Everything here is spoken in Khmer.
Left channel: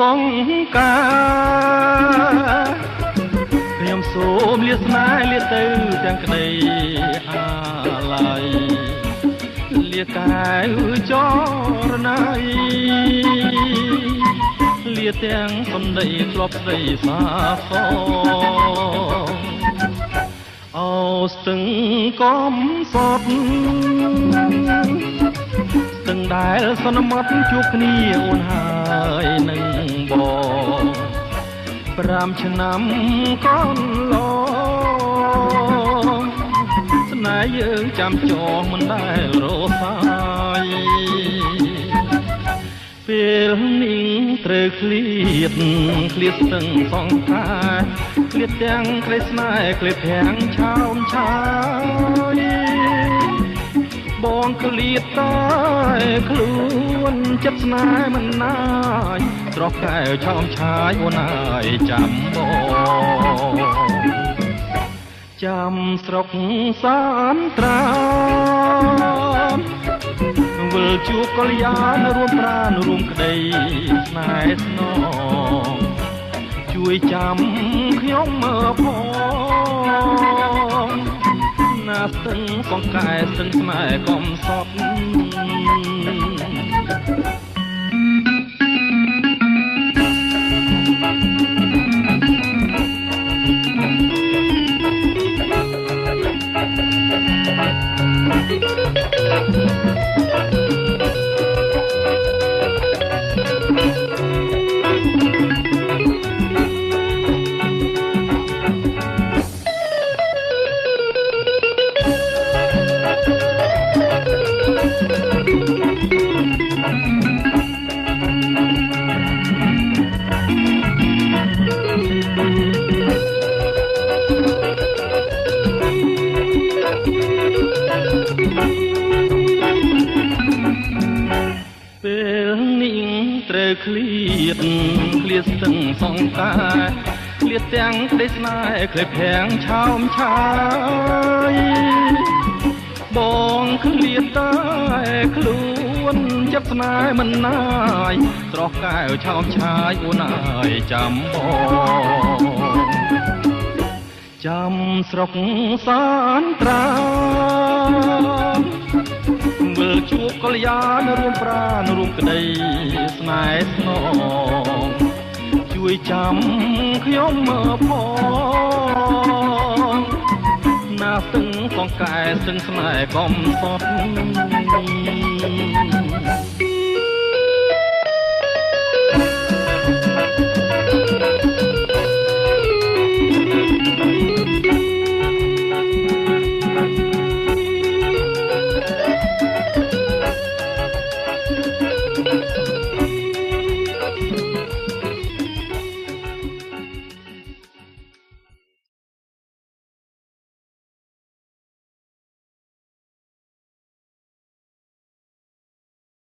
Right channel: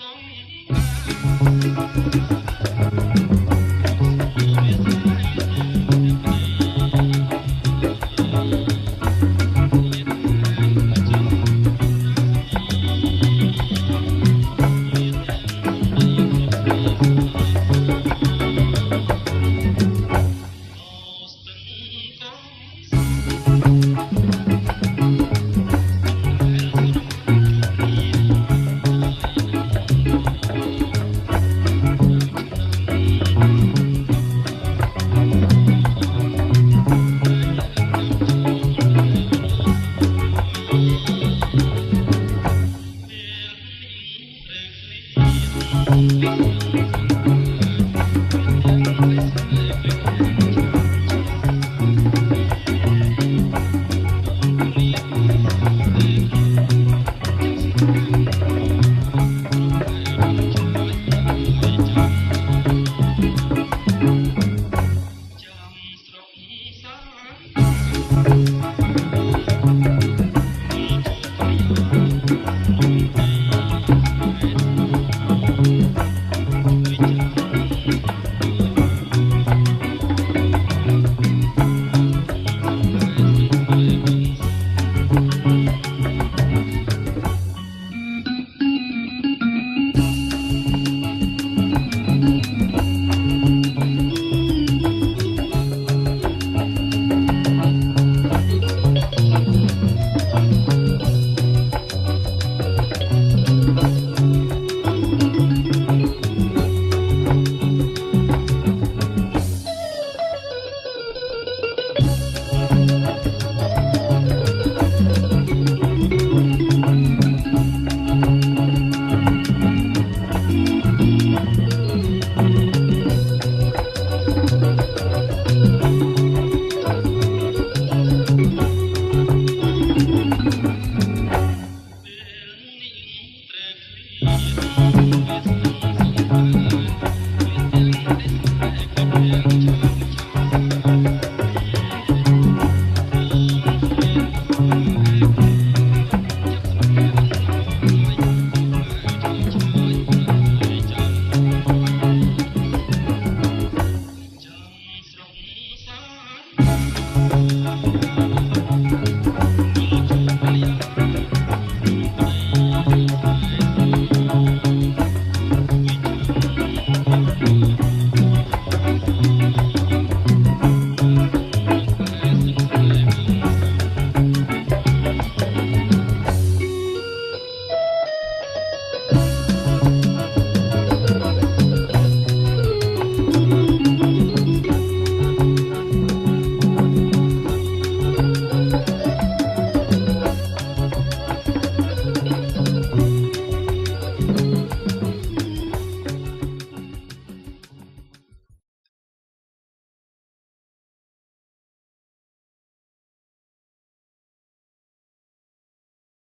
សង្ការខ្ញុំសូមលាស្នេហ៍លាទៅទាំងក្តីអាឡ័យលាកាយចរណៃលាទាំងសំដីធ្លាប់ស្ដីសាសអូស្ទឹងកំសត់ស្ទឹងដែលសន្មត់ជួបគ្នាអូនហើយនឹងបង5ឆ្នាំកន្លងស្នេហ៍យើងចាំចងមិនដែលរសាយពេលនេះត្រូវឃ្លាតស្ទឹងសងខាឃ្លាតទាំងក្លេស្នេហ៍ក្លេទាំងឆោមឆាយបងឃ្លាតតែខ្លួនចិត្តស្នេហ៍មិនណាយស្រស់កែវឆោមឆាយអូនអើយចាំបងចាំស្រុកសានត្រាវិលជួបកល្យានរួមប្រាណរួមក្តីស្នេហ៍ស្នងជួយចាំខ្ញុំមើលផងណាស្ទឹងសង្កែស្ទឹងស្នេហ៍កំសត់ឃ្លាតស្ទឹងសងតាឃ្លាតទាំងក្តីស្នេហ៍ក្លេបទាំងឆោមឆាយបងឃ្លាតតែខ្លួនចិត្តស្នេហ៍មិនណាយស្រស់កែវឆោមឆាយអូនអើយចាំបងចាំស្រុកសានត្រាវិលជួបកល្យានរួមប្រាណរួមក្តីស្នេហ៍ស្នងជួយចាំខ្ញុំមើលផង